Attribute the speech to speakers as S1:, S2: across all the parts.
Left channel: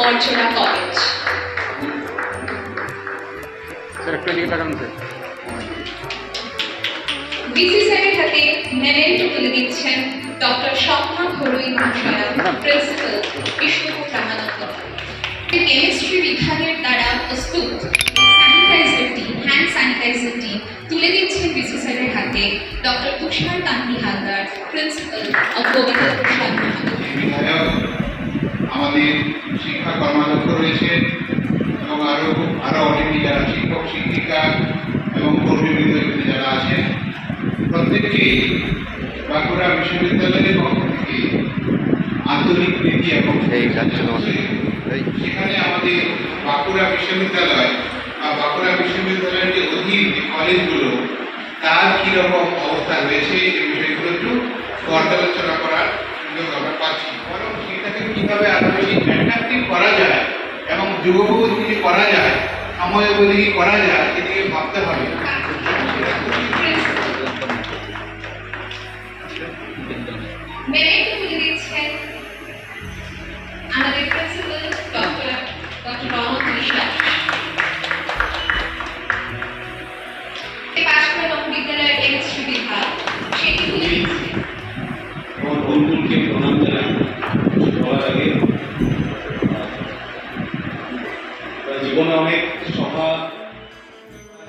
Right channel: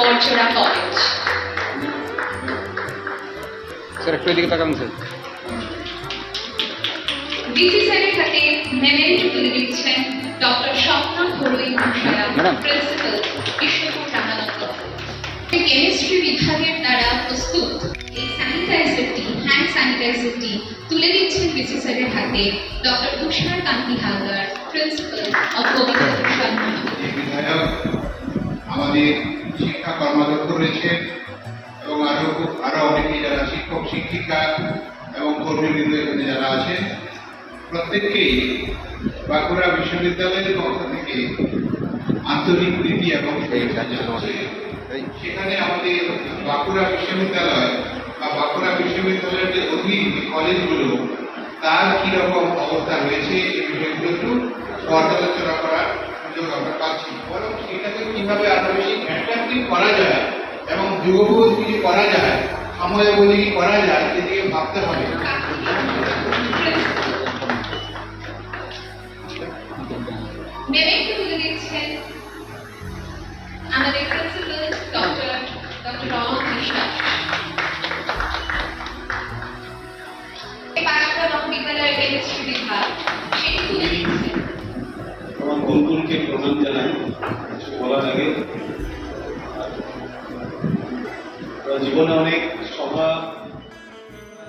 S1: Borchera College.
S2: Sir একটু এদিকে তাকান স্যার
S1: বিসিসিআই হাতে মেমেন্টো তুলে দিচ্ছেন ডক্টর স্বপ্না ঘরুই মহাশয়া। প্রিন্সিপাল বিষ্ণুপুর রামানন্দ কেমিস্ট্রি বিভাগের দ্বারা প্রস্তুত স্যানিটাইজারটি হ্যান্ড স্যানিটাইজারটি তুলে দিচ্ছেন বিসিসিআই হাতে ডক্টর তুষার কান্তি হালদার প্রিন্সিপাল
S3: যে বিধায়ক আমাদের শিক্ষা কর্মাধ্যক্ষ রয়েছেন এবং আরও আরও অনেকে যারা শিক্ষক শিক্ষিকা এবং কর্মীবৃন্দ এখানে যারা আছেন প্রত্যেককেই বাঁকুড়া বিশ্ববিদ্যালয়ের পক্ষ থেকে আন্তরিক নীতি এবং সেখানে আমাদের বাঁকুড়া বিশ্ববিদ্যালয় বা বাঁকুড়া বিশ্ববিদ্যালয়ের যে অধীন যে কলেজগুলো তার কীরকম অবস্থা রয়েছে এই বিষয়গুলো একটু পর্যালোচনা করার সুযোগ আমরা পাচ্ছি। বরং কীভাবে আরও বেশি অ্যাট্রাক্টিভ করা যায় এবং যুগোপযোগী করা যায় সময়োপযোগী করা যায় এদিকে ভাবতে হবে।
S1: মেমেন্টো
S4: জীবনে অনেক সভা।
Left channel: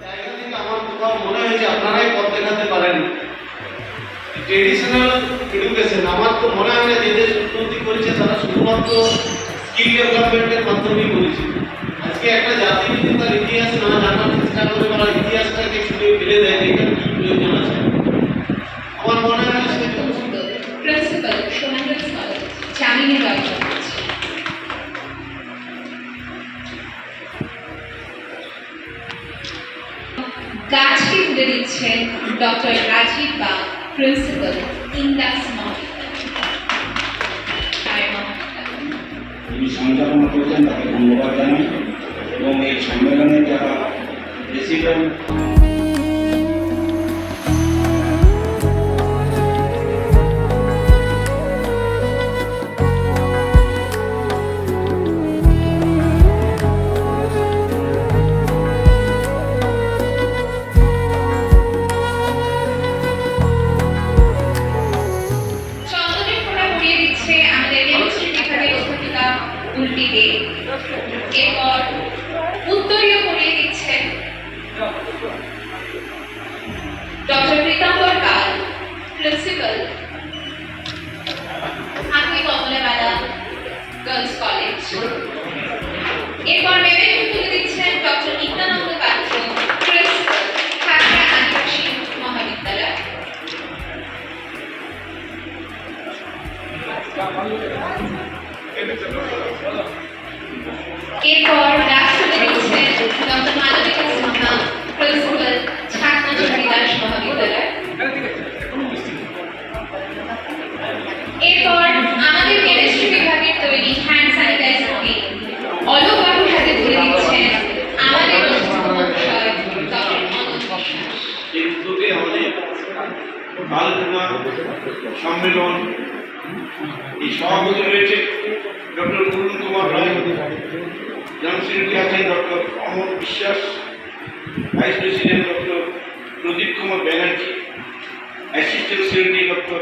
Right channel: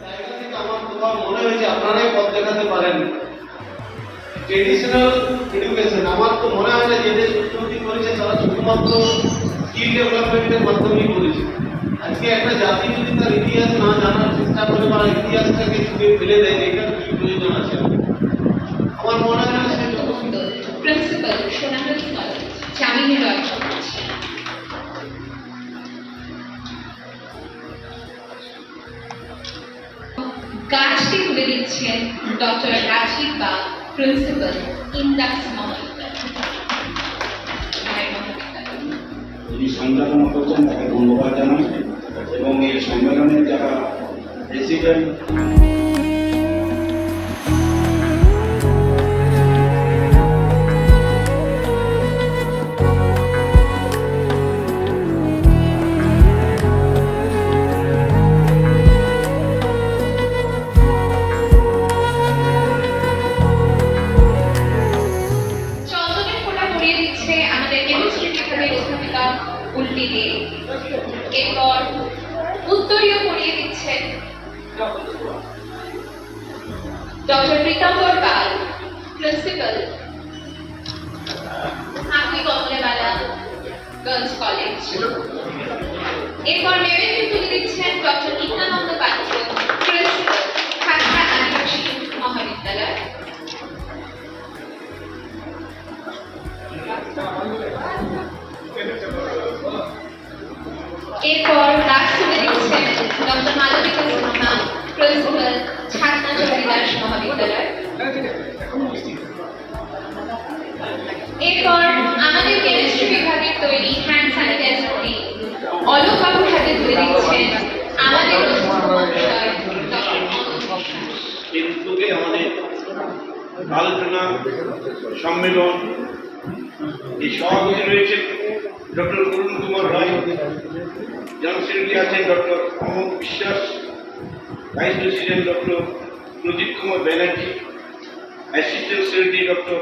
S4: জায়গা থেকে আমার কোথাও মনে হয়েছে আপনারাই পথ দেখাতে পারেন ট্রেডিশনাল এডুকেশন আমার তো মনে হয় না যে দেশ উন্নতি করেছে, তারা শুধুমাত্র স্কিল ডেভেলপমেন্টের মাধ্যমেই করেছে। আজকে একটা জাতি যদি তার ইতিহাস না জানার চেষ্টা করে বা ইতিহাসটাকে শুধু ফেলে দেয়, এখানে কি প্রয়োজন আছে? আমার মনে হয় না সে
S1: প্রিন্সিপাল সোনাগঞ্জ কলেজ রয় তুলে দিচ্ছেন ডক্টর রাজীব বা প্রিন্সিপাল ইন্ডাক্স মহাবিদ্যালয়।
S5: যিনি সঞ্চালনা করছেন, তাকে ধন্যবাদ জানাই। এবং এই সম্মেলনে যারা president
S1: 12, Happy Komlewala Girls College. এরপর লেভেল তুলে দিচ্ছেন ডক্টর নিত্যানন্দ পাত্র প্রিন্সিপাল ঢাকা আদিবাসী মহাবিদ্যালয় এরপর দাস তুলে দিচ্ছেন ডক্টর মালবিকা সিনহা প্রিন্সিপাল
S4: আলোচনা, সম্মেলন, এই সভাপতি রয়েছে ডক্টর অরুণ কুমার রায় জনসেক্রেটারি আছেন doctor Amar Biswas, vice president doctor Pradip Kumar Banerjee, assistant secretary doctor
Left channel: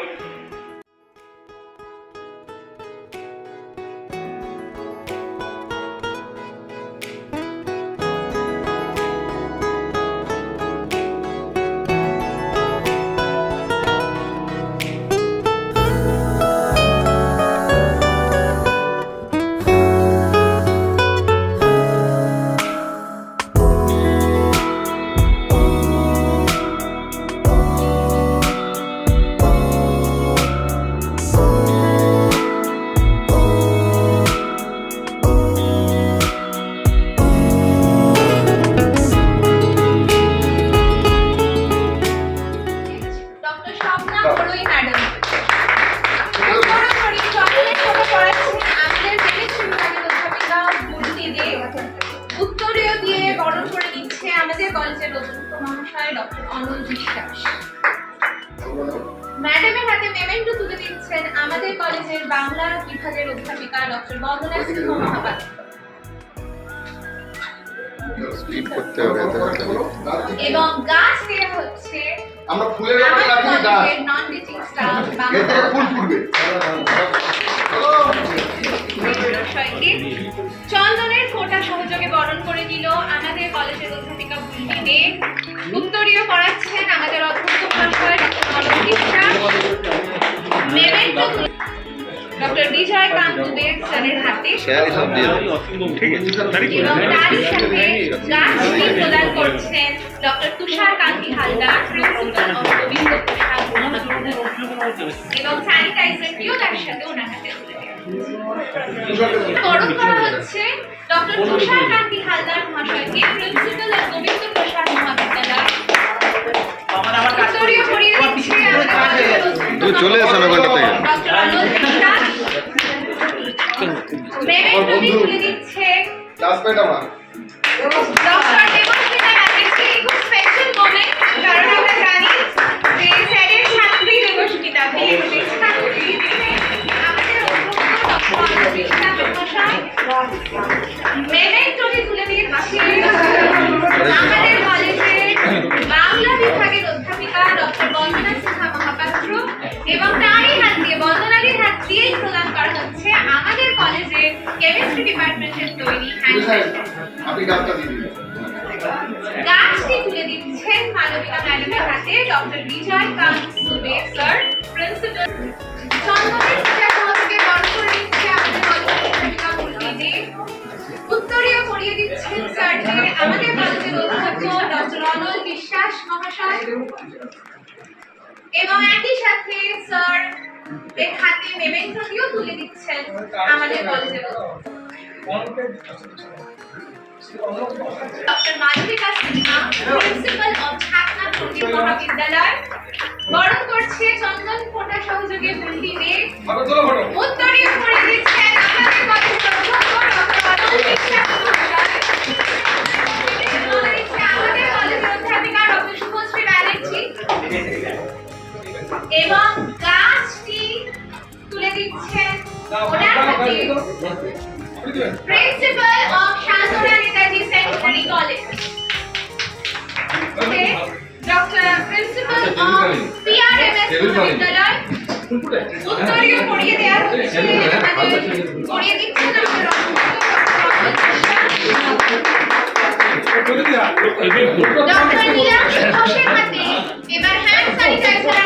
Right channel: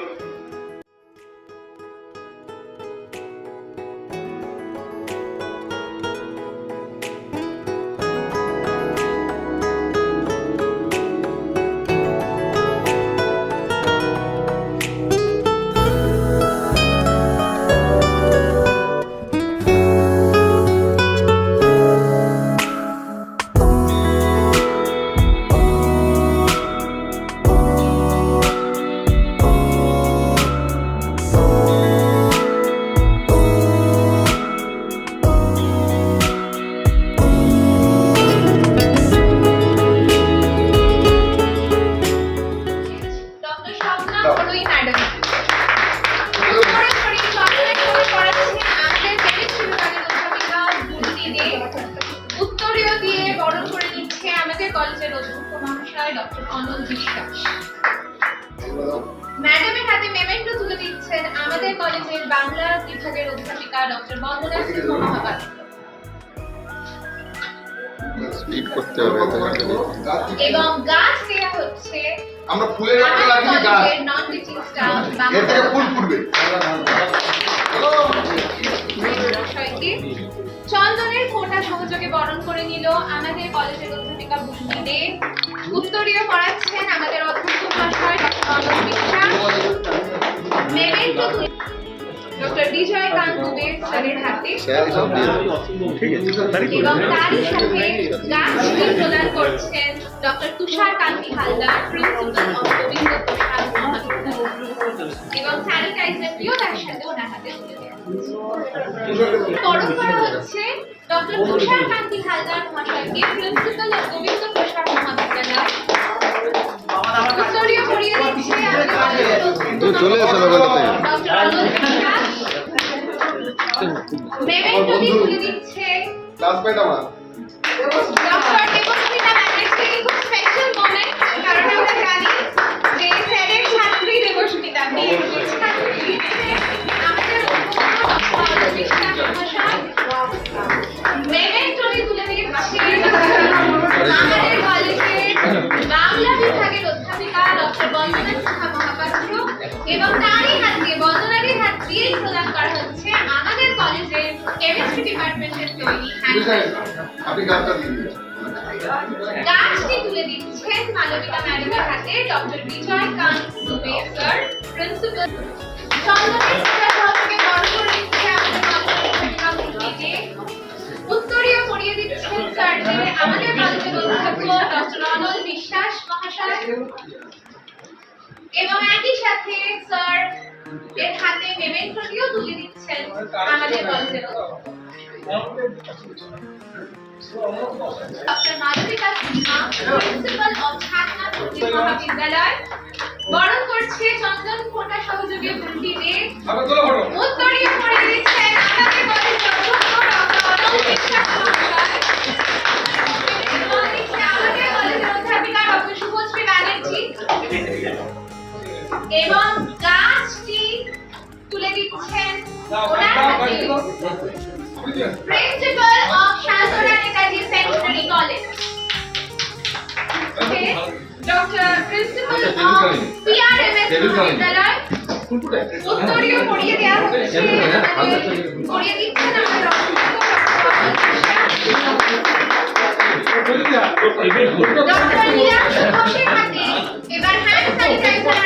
S1: এবং গাছ দেওয়া হচ্ছে
S6: আমরা ফুলের গাছ
S1: নন টিচিং স্টাফ
S6: এর থেকে ফুল ফুটবে।
S1: চন্দনের ফোঁটা সহযোগে বরণ করে নিল আমাদের কলেজের অধ্যাপিকা বুলমি দে। উত্তরীয় পড়াচ্ছেন আমাদের অধ্যক্ষ মহাশয় doctor Biswas memento doctor Bijay Kanta Dube স্যারের হাতে
S2: স্যারই সব দিয়ে দেবে
S1: এবং তারই সাথে গাছটি প্রদান করছেন doctor Tushar Kanti Haldar principal of Gobinda Prasad এবং স্যানিটাইজারটিও তার সাথে ওনার হাতে তুলে দেওয়া তরফ করা হচ্ছে ডক্টর তুষার কান্তি হালদার মহাশয়কে প্রিন্সিপাল অফ গোবিন্দ প্রসাদ মহাবিদ্যালয়। উত্তরীয় পড়িয়ে দিচ্ছে আমাদের
S2: তুমি চলে এসো না ওখানটা থেকে।
S1: আমাদের মেমেন্টোটি তুলে দিচ্ছে আমাদের কলেজের বাংলা বিভাগের অধ্যাপিকা ডক্টর বন্দনা কেমিস্ট্রি ডিপার্টমেন্টের তৈরি
S6: আপনি গাছটা দিয়ে দিন।
S1: গাছটি তুলে দিচ্ছেন মানবিকা ম্যাডামের হাতে doctor Vijay Kant Dubey sir principal. সহযোগে করে দিচ্ছে আমাদের কলেজের উত্তরীয় পড়িয়ে দিচ্ছেন স্যার আমাদের কলেজের অধ্যক্ষ ডক্টর অনল বিশ্বাস মহাশয়। এবং একই সাথে স্যার এর হাতে মেমেন্টোটিও তুলে দিচ্ছেন আমাদের কলেজের doctor Malabika Sinha principal of Chhatna ভর্তি মহাবিদ্যালয়। বরণ করছে চন্দন ফোঁটা সহযোগে বুলটি দে উত্তরীয় করে দিচ্ছেন আমাদের কলেজের অধ্যক্ষ ডক্টর অনল বিশ্বাস এবং দিচ্ছেন ওনার হাতে Principal of Shantana Netaji Secondary College. Okay, Dr. Principal of PRMS মহাবিদ্যালয় উত্তরীয় পড়িয়ে দেওয়া হচ্ছে আমাদের পড়িয়ে দিচ্ছেন আমাদের ডক্টর নীলাম ঘোষের হাতে এবার হ্যান্ড স্যানিটাইজার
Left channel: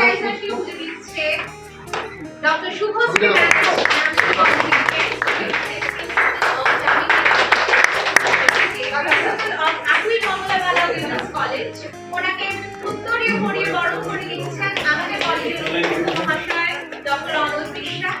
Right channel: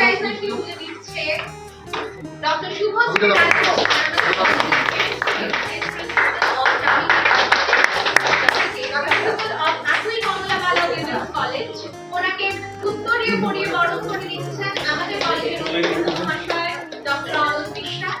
S1: হ্যান্ড স্যানিটাইজারটি তুলে দিচ্ছে ডক্টর শুভশ্রী কলেজ ওনাকে উত্তরীয় পড়িয়ে বরণ করে দিচ্ছেন আমাদের কলেজের মহাশয় ডক্টর অমল বিশ্বাস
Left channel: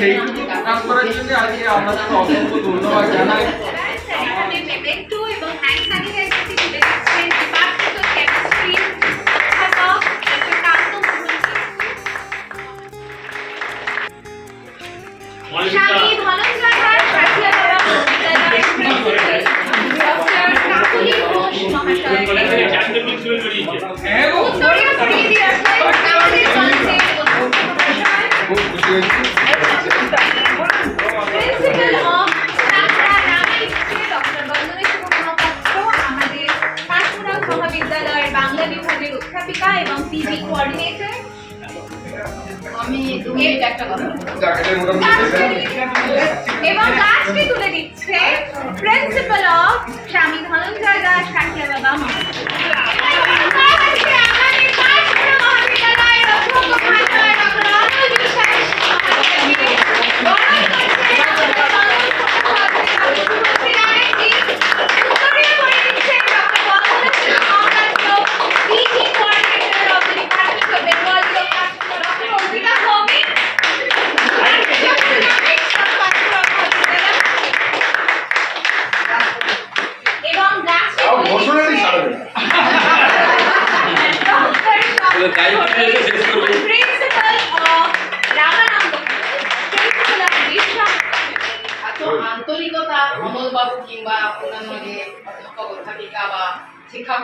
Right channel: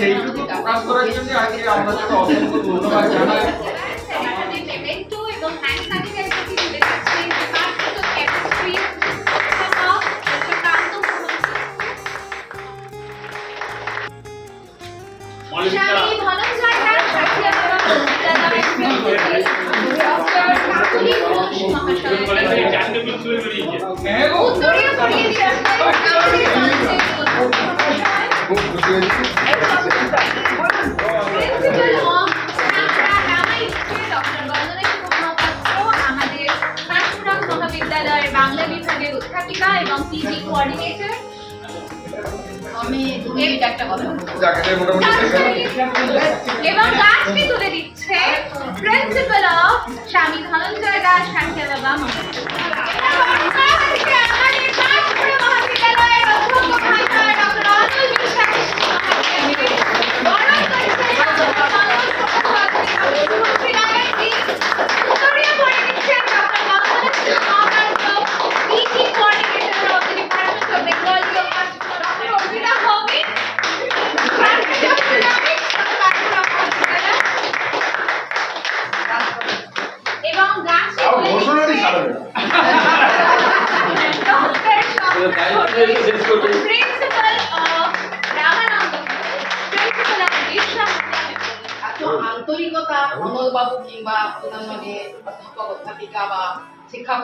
S7: সেই প্রকাশ করার জন্য আজকে আপনাদের অসংখ্য ধন্যবাদ জানাই
S1: বাংলা বিভাগের অধ্যাপিকা এবং পিজি কোঅর্ডিনেটর। এবং লাস্টে তুলে দিচ্ছে প্রিন্সিপাল অফ স্বামী ধনঞ্জয় দাস সাহিত্য বাবা এবং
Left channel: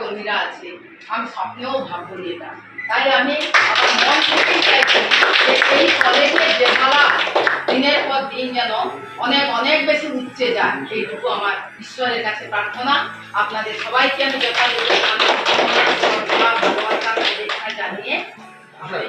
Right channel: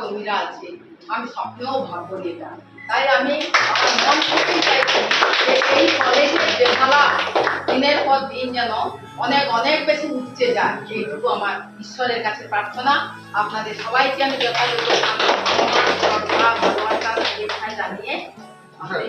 S8: শিক্ষাকর্মীরা আছে, আমি স্বপ্নেও ভাগ্য নি। তাই আমি আমার মন থেকেই চাইছি এই কলেজের খেলা দিনের পর দিন যেন অনেক অনেক বেশি উঠছে যায়। এইটুকু আমার ঈশ্বরের কাছে প্রার্থনা। আপনাদের সবাইকে আমি যথাযথ শ্রদ্ধা ভালোবাসা জানিয়ে আমার